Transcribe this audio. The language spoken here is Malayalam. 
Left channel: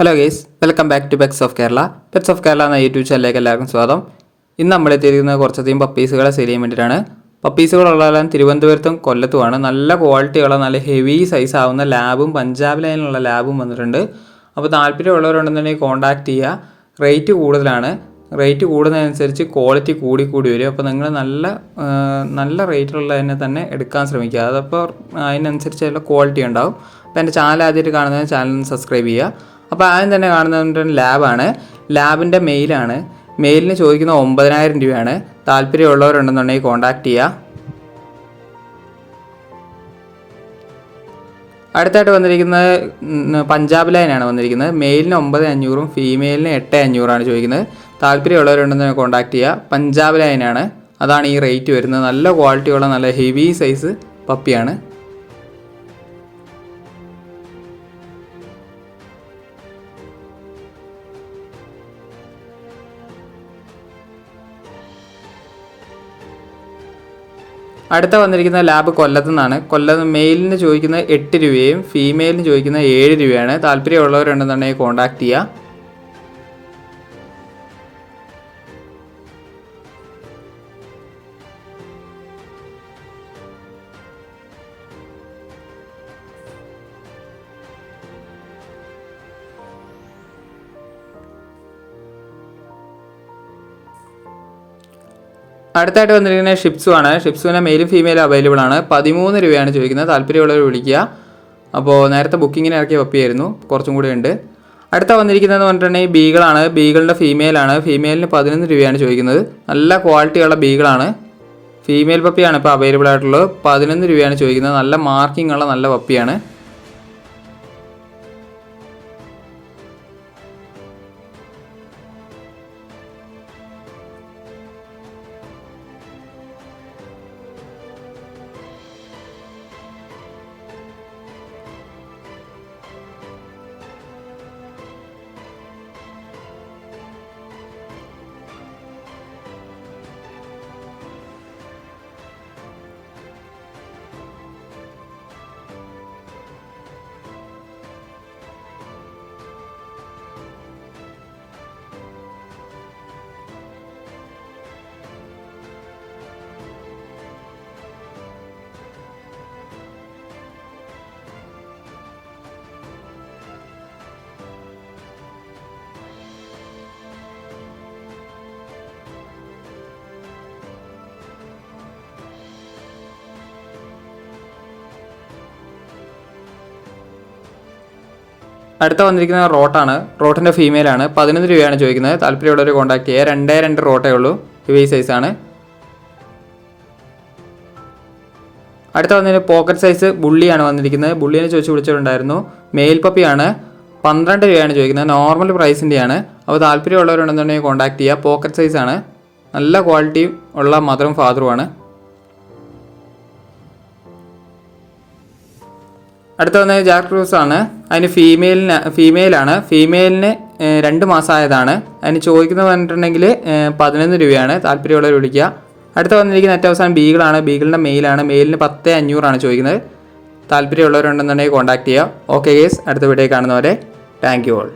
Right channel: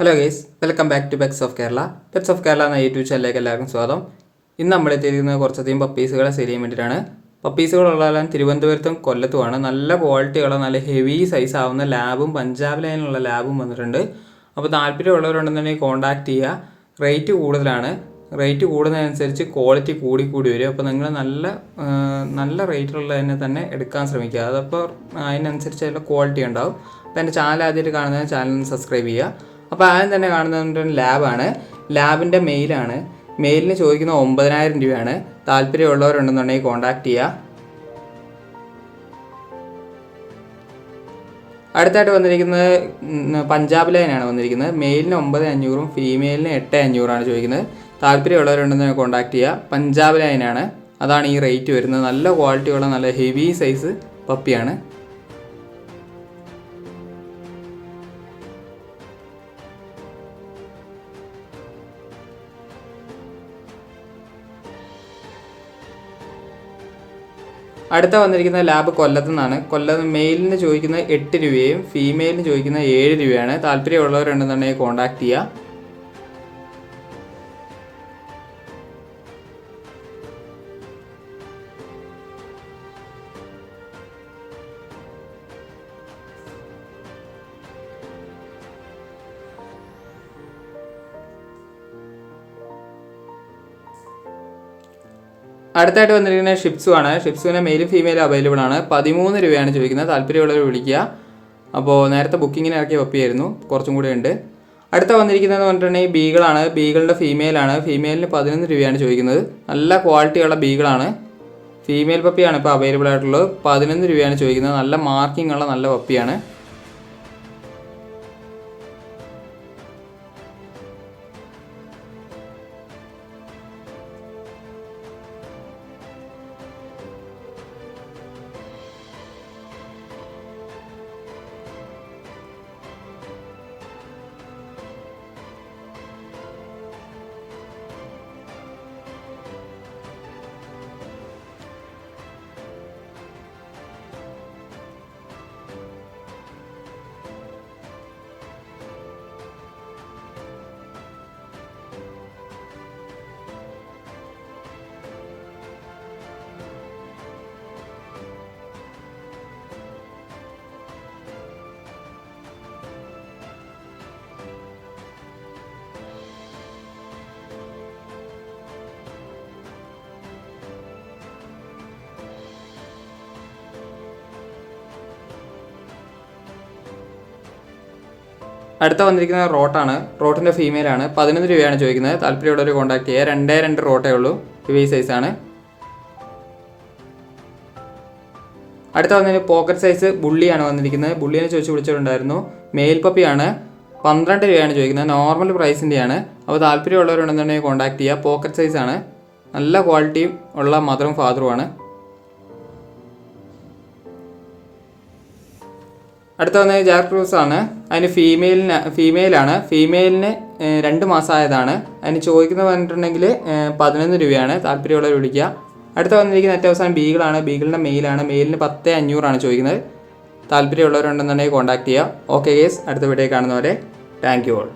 Hello guys, welcome back to pets of Kerala. Pets of Kerala എന്ന യൂട്യൂബ് ചാനലിലേക്ക് എല്ലാവർക്കും സ്വാഗതം. ഇന്ന് നമ്മൾ എത്തിയിരിക്കുന്നത് കുറച്ചധികം പപ്പീസുകളെ സെയിൽ ചെയ്യാൻ വേണ്ടിയിട്ടാണ്. പപ്പീസുകളുള്ളതെല്ലാം തിരുവനന്തപുരത്തും കൊല്ലത്തുമാണ്. നല്ല ക്വാളിറ്റിയുള്ള നല്ല ഹെവി സൈസ് ആവുന്ന ലാബും പഞ്ചാബ് ലൈനിലുള്ള ലാബും വന്നിട്ടുണ്ട്. അപ്പോൾ താല്പര്യമുള്ളവരുണ്ടെന്നുണ്ടെങ്കിൽ കോൺടാക്ട് ചെയ്യുക. റേറ്റ് കൂടുതലാണ്. റേറ്റ് കൂടുന്നതനുസരിച്ച് ക്വാളിറ്റി കൂടി വരും. അപ്പോൾ നിങ്ങൾ നല്ല റേറ്റിലുള്ളതിനെ തന്നെ എടുക്കാൻ ശ്രമിക്കുക. അതപ്പോൾ അതിനനുസരിച്ചുള്ള ക്വാളിറ്റി ഉണ്ടാവും. അപ്പോൾ എൻ്റെ ചാനൽ ആദ്യമായിട്ട് കാണുന്നത് ചാനൽ സബ്സ്ക്രൈബ് ചെയ്യുക. അപ്പോൾ ആദ്യം തന്നെ കാണുന്നത് ലാബാണ്. ലാബിൻ്റെ മെയിലാണ്. മെയിലിന് ചോദിക്കുന്ന 9,000 രൂപയാണ്. താല്പര്യമുള്ളവരുണ്ടെന്നുണ്ടെങ്കിൽ കോൺടാക്ട് ചെയ്യുക. അടുത്തായിട്ട് വന്നിരിക്കുന്നത് പഞ്ചാബ് ലൈനാണ് വന്നിരിക്കുന്നത്. മെയിലിന് 9,500 ഫീമെയിലിന് 8,500 ചോദിക്കുന്നത്. താല്പര്യമുള്ളവരുണ്ടെന്ന് കോൺടാക്ട് ചെയ്യുക. പഞ്ചാബ് ലൈനാണ്, അതാണ് ഈ റേറ്റ് വരുന്നത്. നല്ല ക്വാളിറ്റിയുള്ള നല്ല ഹെവി സൈസ് പപ്പിയാണ്. അടുത്ത വന്നിരിക്കുന്ന ലാബ് കൊല്ലത്തു നിന്നാണ്. കൊല്ലത്ത് മെയിലിന് ചോദിക്കുന്നത് 8 രൂപയും ഫീമെയിലിന് ചോദിക്കുന്നത് 7 രൂപയാണ്. താല്പര്യമുള്ളവരുണ്ടെന്നുണ്ടെങ്കിൽ കോൺടാക്ട് ചെയ്യുക. അടുത്തായിട്ട് വന്നിരിക്കുന്നത് ഷിപ്സു ആണ്. ഷിപ്സുവിന് മെയിലും ഫീമെയിലും അവൈലബിൾ ആണ്. 13 രൂപയാണ് ചോദിക്കുന്നത്. താല്പര്യമുള്ളവർ വിളിക്കുക. അപ്പോൾ നേരത്തെ ബുക്കിങ്ങിന് ഇറക്കിയ പപ്പിയായിരുന്നു, കുറച്ചും കൂടി ഉണ്ട്. അടുത്ത വന്നിരിക്കുന്നതെന്ന് പറഞ്ഞിട്ടുണ്ടെങ്കിൽ ബീഗിളാണ്. ബീഗിളിൻ്റെ ഫീമെയിലാണ്. ഫീമെയിലിന് 11 രൂപയാണ് ചോദിക്കുന്നത്. നല്ല ക്വാളിറ്റിയുള്ള ബീഗിളാണ്. ഫീമെയിൽ പപ്പിയാണ് ഇപ്പോൾ അവൈലബിൾ ആയിട്ടുള്ളത്. 11 രൂപയാണ് ചോദിക്കുന്നത്. നല്ല മാർക്കിംഗ് ഉള്ള നല്ല പപ്പിയാണ്. അടുത്ത വന്നിരിക്കുന്നത് റോട്ടാണ്. റോട്ടിൻ്റെ ഫീമെയിലാണ്. 11 രൂപയാണ് ചോദിക്കുന്നത്. താല്പര്യമുള്ളവർ കോൺടാക്ട് ചെയ്യുക. 2 റോട്ടേ ഉള്ളൂ. ഹെവി സൈസാണ്. അടുത്ത വന്നിട്ട് പോക്കറ്റ് സൈസ് ബുള്ളിയാണ് വന്നിരിക്കുന്നത്. ബുള്ളിനെ ചോദിച്ച് വിളിച്ചിട്ടുണ്ടായിരുന്നു. മെയിൽ പപ്പിയാണ്. 12 രൂപയാണ് ചോദിക്കുന്നത്. നോർമൽ പ്രൈസിൻ്റെയാണ്. അപ്പോൾ താല്പര്യമുള്ളവരുണ്ടെന്നുണ്ടെങ്കിൽ കോൺടാക്ട് ചെയ്യുക. പോക്കറ്റ് സൈസാണ്. നല്ല ക്വാളിറ്റി ഉള്ള മദറും ഫാദറുമാണ്. അടുത്ത വന്നത് ജാക്ക് റൂസ് ആണ്. അതിന് ഫീമെയിലാണ്. ഫീമെയിലിന് 2 മാസമായതാണ്. അതിന് ചോദിക്കുന്നത് പറഞ്ഞിട്ടുണ്ടെങ്കിൽ 11 രൂപയാണ്. താല്പര്യമുള്ളവർ വിളിക്കുക. അടുത്ത വന്നിരിക്കുന്ന ഏറ്റവും അവസാനം ബീഗിളാണ്. ബീഗിളിൻ്റെ മെയിലാണ്. മെയിലിന് 10,500 ചോദിക്കുന്നത്. താല്പര്യമുള്ളവരുണ്ടെന്നുണ്ടെങ്കിൽ കോൺടാക്ട് ചെയ്യുക. ഓക്കെ ഗേസ്, അടുത്ത വീഡിയോ കാണുന്നവരെ താങ്ക് യു ഓൾ.